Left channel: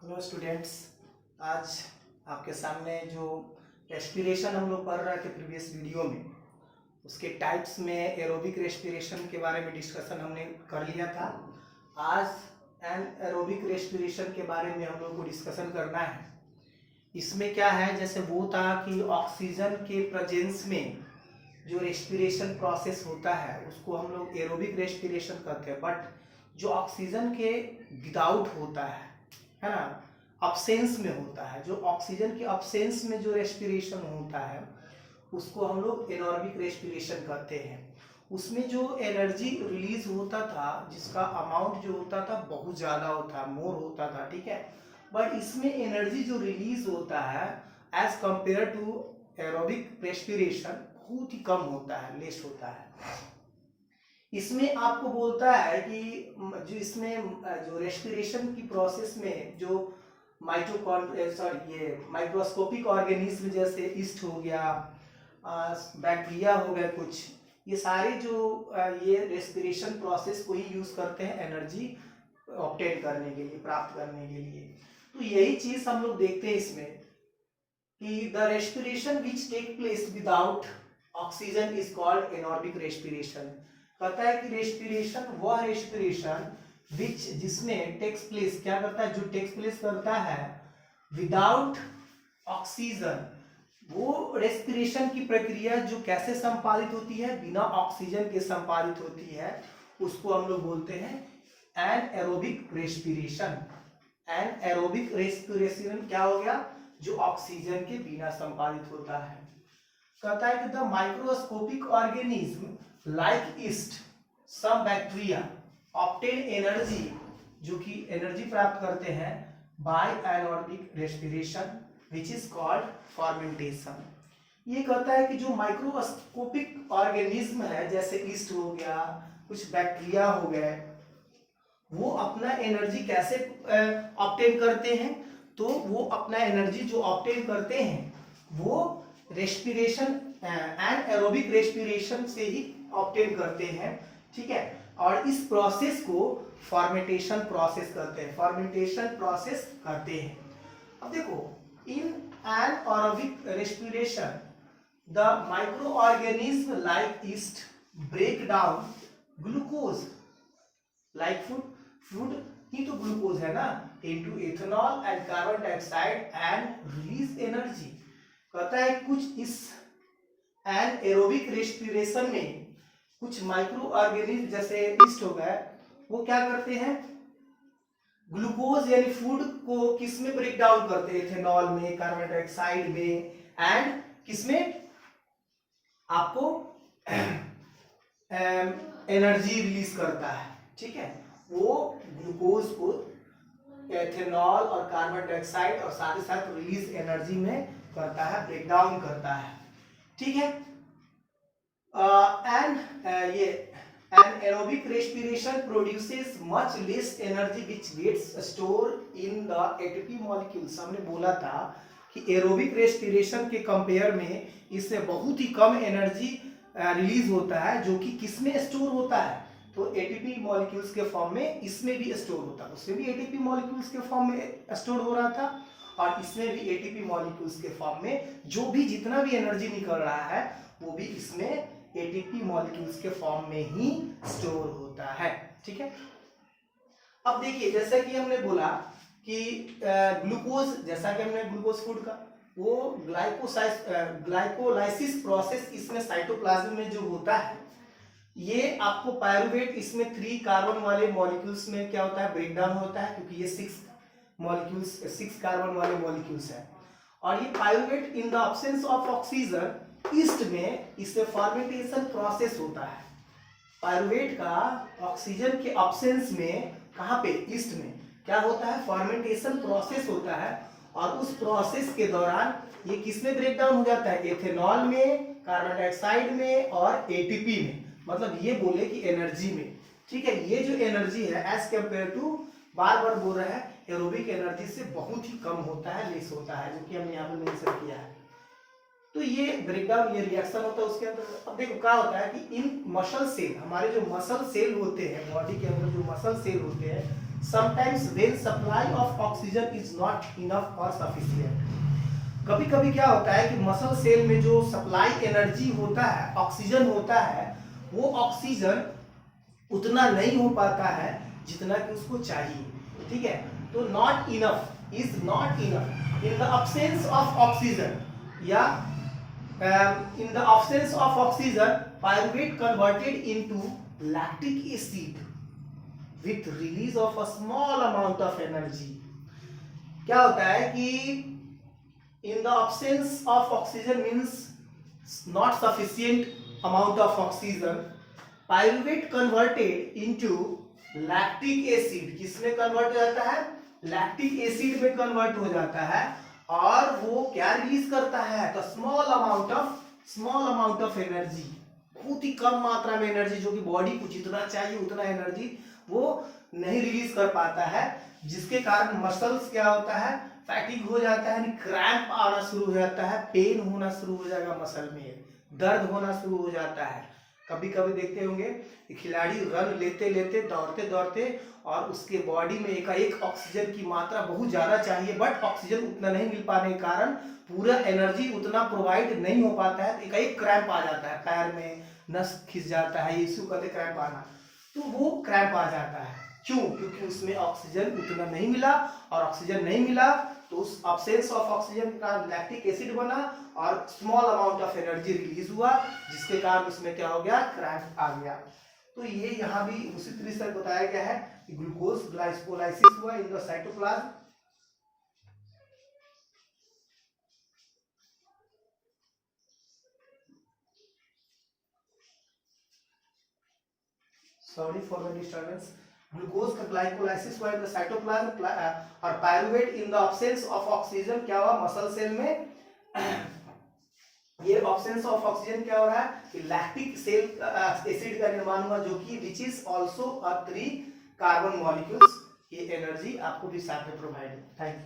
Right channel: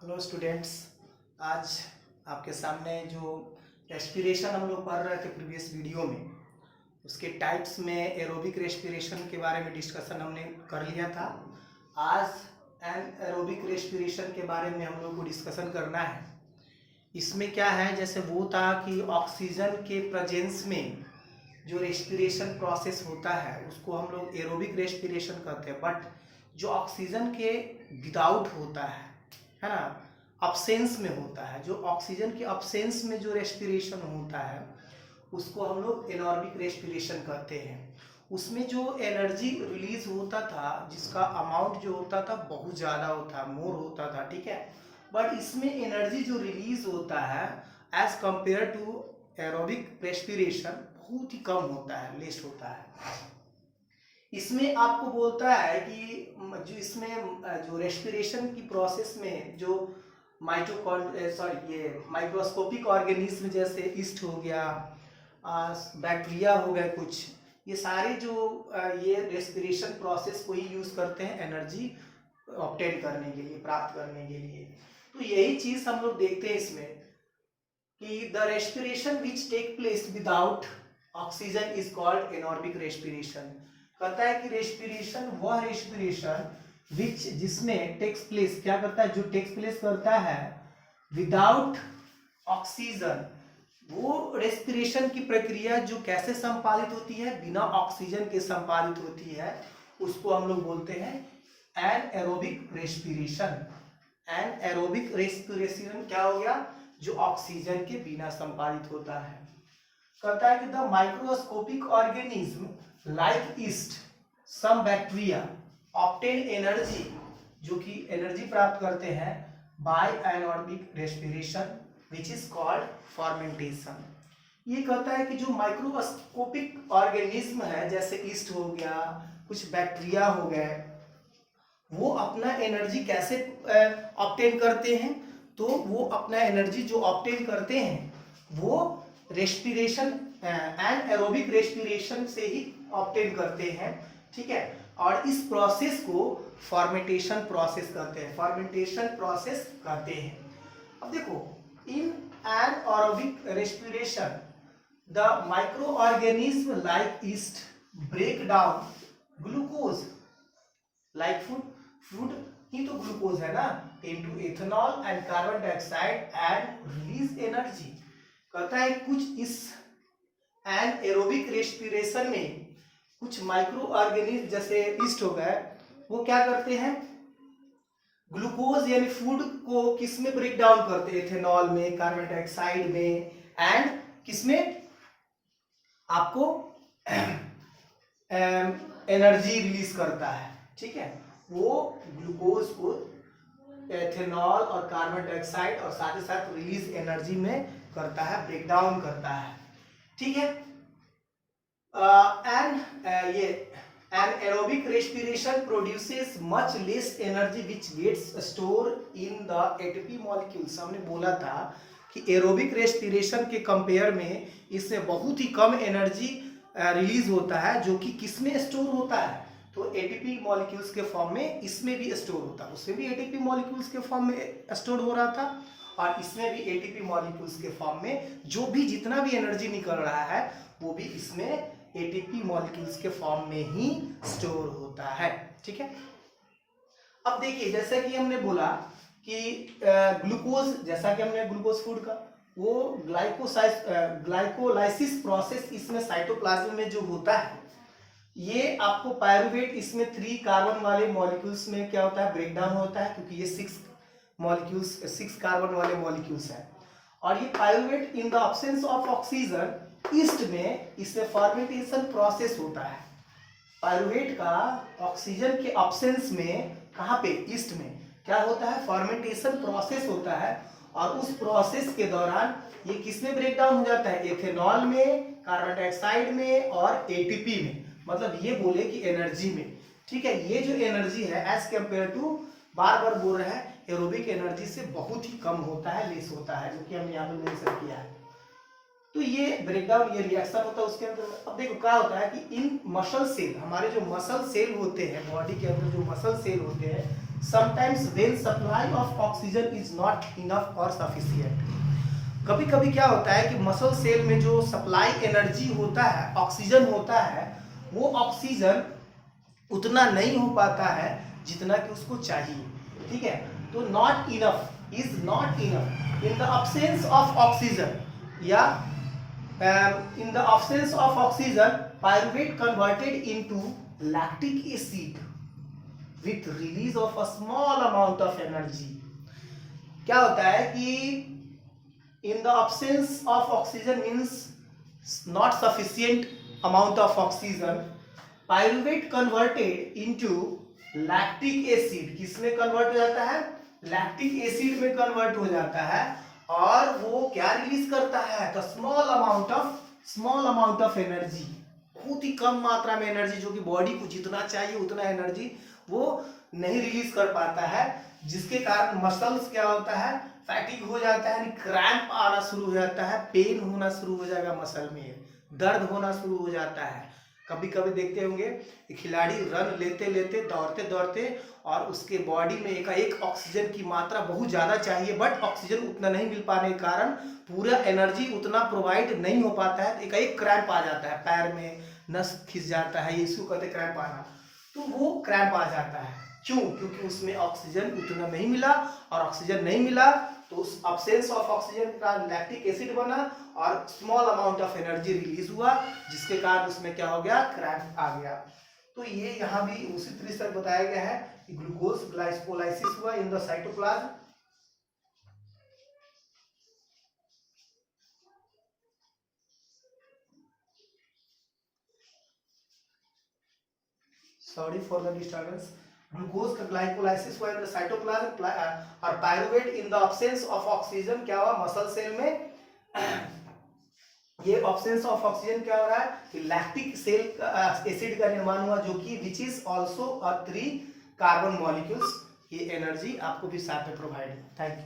Hello students. आज आपके सामने जो रेस्पिरेशन हम लोग पढ़ रहे थे प्रीवियस वीडियो में, उसके टाइप्स में एरोबिक रेस्पिरेशन के बारे में डिस्कशन हमने कर लिया था। आज एरोबिक रेस्पिरेशन के बारे में हम लोग को डिस्कशन करना है। इसमें क्या है, जैसे वो था कि ऑक्सीजन के प्रेजेंस में जो रेस्पिरेशन प्रोसेस होता है उसको हम लोग एरोबिक रेस्पिरेशन कहते हैं। बट जो ऑक्सीजन के विदाउट होता है ना, अब्सेंस में होता है, जो ऑक्सीजन के अब्सेंस में जो रेस्पिरेशन होता है उसको हम लोग एनॉर्बिक रेस्पिरेशन कहते हैं। उसमें जो एनर्जी रिलीज होता था, जिसका अमाउंट जो होता था बहुत ज़्यादा होता, मोर होता था, ठीक है। बट इसमें एनर्जी जो रिलीज होता है as compare to aerobic respiration बहुत ही कम होता है, लेस होता है। इसमें आपको बोलता है कि जो इसमें जो रेस्पिरेशन की प्रोसेस में जो ये माइक्रोस्कोपिक ऑर्गेनिज्म जैसे ईस्ट हो गया, बैक्टीरिया हो गए कुछ, ये सारे जो ये रेस्पिरेशन प्रोसेस को ही यूज करते हैं एनर्जी ऑब्टेन करने के लिए, प्राप्त करने के लिए। तो यही चीज हम लोग देखते हैं इसमें कि the respiration which take place without oxygen is called anaerobic respiration. कहता है कि रेस्पिरेशन वह रेस्पिरेशन विच जिसमें टेक्स प्लेस, क्या करता है, जो टेक्स प्लेस करता है विदाउट ऑक्सीजन, वो रेस्पिरेशन की प्रक्रिया जो कैसे संपादित होती है, बिना ऑक्सीजन के संपादित होती है, उसको हम लोग बोलते हैं anaerobic respiration. Anaerobic respiration क्या हो गया, जो ऑक्सीजन के बिना संपादित होता है। कहता है कि the microscopic organism like yeast, some bacteria obtain energy, जो कि एनर्जी प्राप्त करते हैं by anaerobic respiration which is called fermentation. ये कहता है कि जो माइक्रोस्कोपिक ऑर्गेनिज्म है, जैसे ईस्ट हो गया, कुछ बैक्टीरिया हो गए, वो अपना एनर्जी कैसे ऑब्टेन करते हैं, तो वो अपना एनर्जी जो ऑब्टेन करते हैं वो रेस्पिरेशन एंड एरोबिक रेस्पिरेशन से ही ऑब्टेन करते हैं, ठीक है। और इस प्रोसेस को फॉर्मेंटेशन प्रोसेस कहते हैं, फॉर्मेंटेशन प्रोसेस कहते हैं। अब देखो, in anaerobic respiration the microorganism like yeast break down glucose like food ही तो ग्लूकोज है ना, into ethanol and carbon dioxide and release energy. कहता है कुछ इस एन एरोबिक रेस्पिरेशन में कुछ माइक्रो ऑर्गेनिज्म जैसे ईस्ट हो गए, वो क्या करते हैं, ग्लूकोज यानी फूड को किस में ब्रेक डाउन करते हैं, एथेनॉल में, कार्बन डाइऑक्साइड में, एंड किसमें, आपको एनर्जी रिलीज करता है, ठीक है। वो ग्लूकोज को एथेनॉल और कार्बन डाइऑक्साइड और साथ ही साथ रिलीज एनर्जी में करता है, ब्रेक डाउन करता है, ठीक है। ये an aerobic respiration produces much less energy which gets stored in the ATP molecules। हमने बोला था कि एरोबिक रेस्पिरेशन के कंपेयर में इससे बहुत ही कम एनर्जी रिलीज होता है, जो कि किसमें स्टोर होता है, तो एटीपी मॉलिक्यूल्स के फॉर्म में इसमें भी स्टोर होता है। उसमें भी एटीपी मॉलिक्यूल्स के फॉर्म में स्टोर हो रहा था और इसमें भी एटीपी मॉलिक्यूल्स के फॉर्म में जो भी जितना भी एनर्जी निकल रहा है वो भी इसमें एटीपी मॉलिक्यूल्स के फॉर्म में ही स्टोर होता है, ठीक है। अब देखिए, जैसा कि हमने बोला कि ग्लूकोज, जैसा कि हमने ग्लूकोज फूड का, वो ग्लाइकोलाइसिस प्रोसेस इसमें साइटोप्लाज्म में जो होता है, ये आपको पायरुवेट इसमें 3 कार्बन वाले मॉलिक्यूल्स में क्या होता है, ब्रेक डाउन होता है, क्योंकि ये 6 कार्बन वाले मॉलिक्यूल्स हैं। और ये pyruvate in the absence of oxygen east में इससे फॉर्मेंटेशन प्रोसेस होता है। पायरुवेट का ऑक्सीजन के अब्सेंस में, कहाँ पे, ईस्ट में क्या होता है, फॉर्मेंटेशन प्रोसेस होता है। और उस प्रोसेस के दौरान ये किसमें ब्रेक डाउन हो जाता है, एथेनॉल में, कार्बन डाइऑक्साइड में और एटीपी में, मतलब ये बोले कि एनर्जी में, ठीक है। ये जो एनर्जी है एज कंपेयर टू, बार बार बोल रहा है, एरोबिक एनर्जी से बहुत ही कम होता है, लेस होता है, जो कि हमने यहाँ पे मेंशन किया है। तो ये ब्रेकडाउन, ये रिएक्शन होता है उसके अंदर। अब देखो क्या होता है कि इन मसल सेल, हमारे जो मसल सेल होते हैं बॉडी के अंदर, जो मसल सेल होते हैं, sometimes when supply of oxygen is not enough और सफिशिएंट। कभी कभी क्या होता है कि मसल सेल में जो सप्लाई एनर्जी होता है, ऑक्सीजन होता है, वो ऑक्सीजन उतना नहीं हो पाता है जितना कि उसको चाहिए। ठीक है, तो not enough, is not enough in the absence of oxygen, या in the absence of oxygen, pyruvate converted into lactic acid with release of a small amount of energy। क्या होता है कि in the absence of oxygen means not sufficient amount of oxygen, pyruvate converted into lactic acid, किसमें convert हो जाता है? Lactic acid में convert हो जाता है, और वो क्या रिलीज करता है? तो स्मॉल अमाउंट ऑफ एनर्जी, बहुत ही कम मात्रा में एनर्जी, जो कि बॉडी को जितना चाहिए उतना एनर्जी वो नहीं रिलीज कर पाता है, जिसके कारण मसल्स क्या होता है? फैटिग हो जाता है, क्रैम्प आना शुरू हो जाता है, पेन होना शुरू हो जाएगा, मसल में दर्द होना शुरू हो जाता है। कभी कभी देखते होंगे खिलाड़ी रन लेते लेते दौड़ते दौड़ते और उसके बॉडी में एकाएक ऑक्सीजन की मात्रा बहुत ज़्यादा चाहिए, बट ऑक्सीजन उतना नहीं मिल पाने के कारण पूरा एनर्जी उतना प्रोवाइड नहीं हो पाता है, तो एकाएक क्रैम्प आ जाता है, पैर में नस खिंच जाता है, इसको कहते हैं क्रैम्प आना। तो वो क्रैम्प आ जाता है, क्यों? क्योंकि उसमें ऑक्सीजन उतना नहीं मिला, और ऑक्सीजन नहीं मिला तो उस अब्सेंस ऑफ ऑक्सीजन का लैक्टिक एसिड बना और small amount of energy release हुआ, जिसके कारण उसमें क्या हो गया? क्रैम्प आ गया। तो ये यहाँ भी उसी तरीके से बताया गया है कि ग्लूकोज ग्लाइकोलाइसिस हुआ in the cytoplasm. Sorry for the disturbance. Glucose का ग्लाइकोलाइसिस हुआ इन द साइटोप्लाज्म, और pyruvate in the absence of oxygen क्या हुआ? मसल सेल में ये ऑब्सेंस ऑफ ऑक्सीजन क्या हो रहा है कि लैक्टिक सेल एसिड का निर्माण हुआ, जो कि which is also a 3 carbon molecules. ये एनर्जी आपको भी साथ में प्रोवाइड है। Thank you.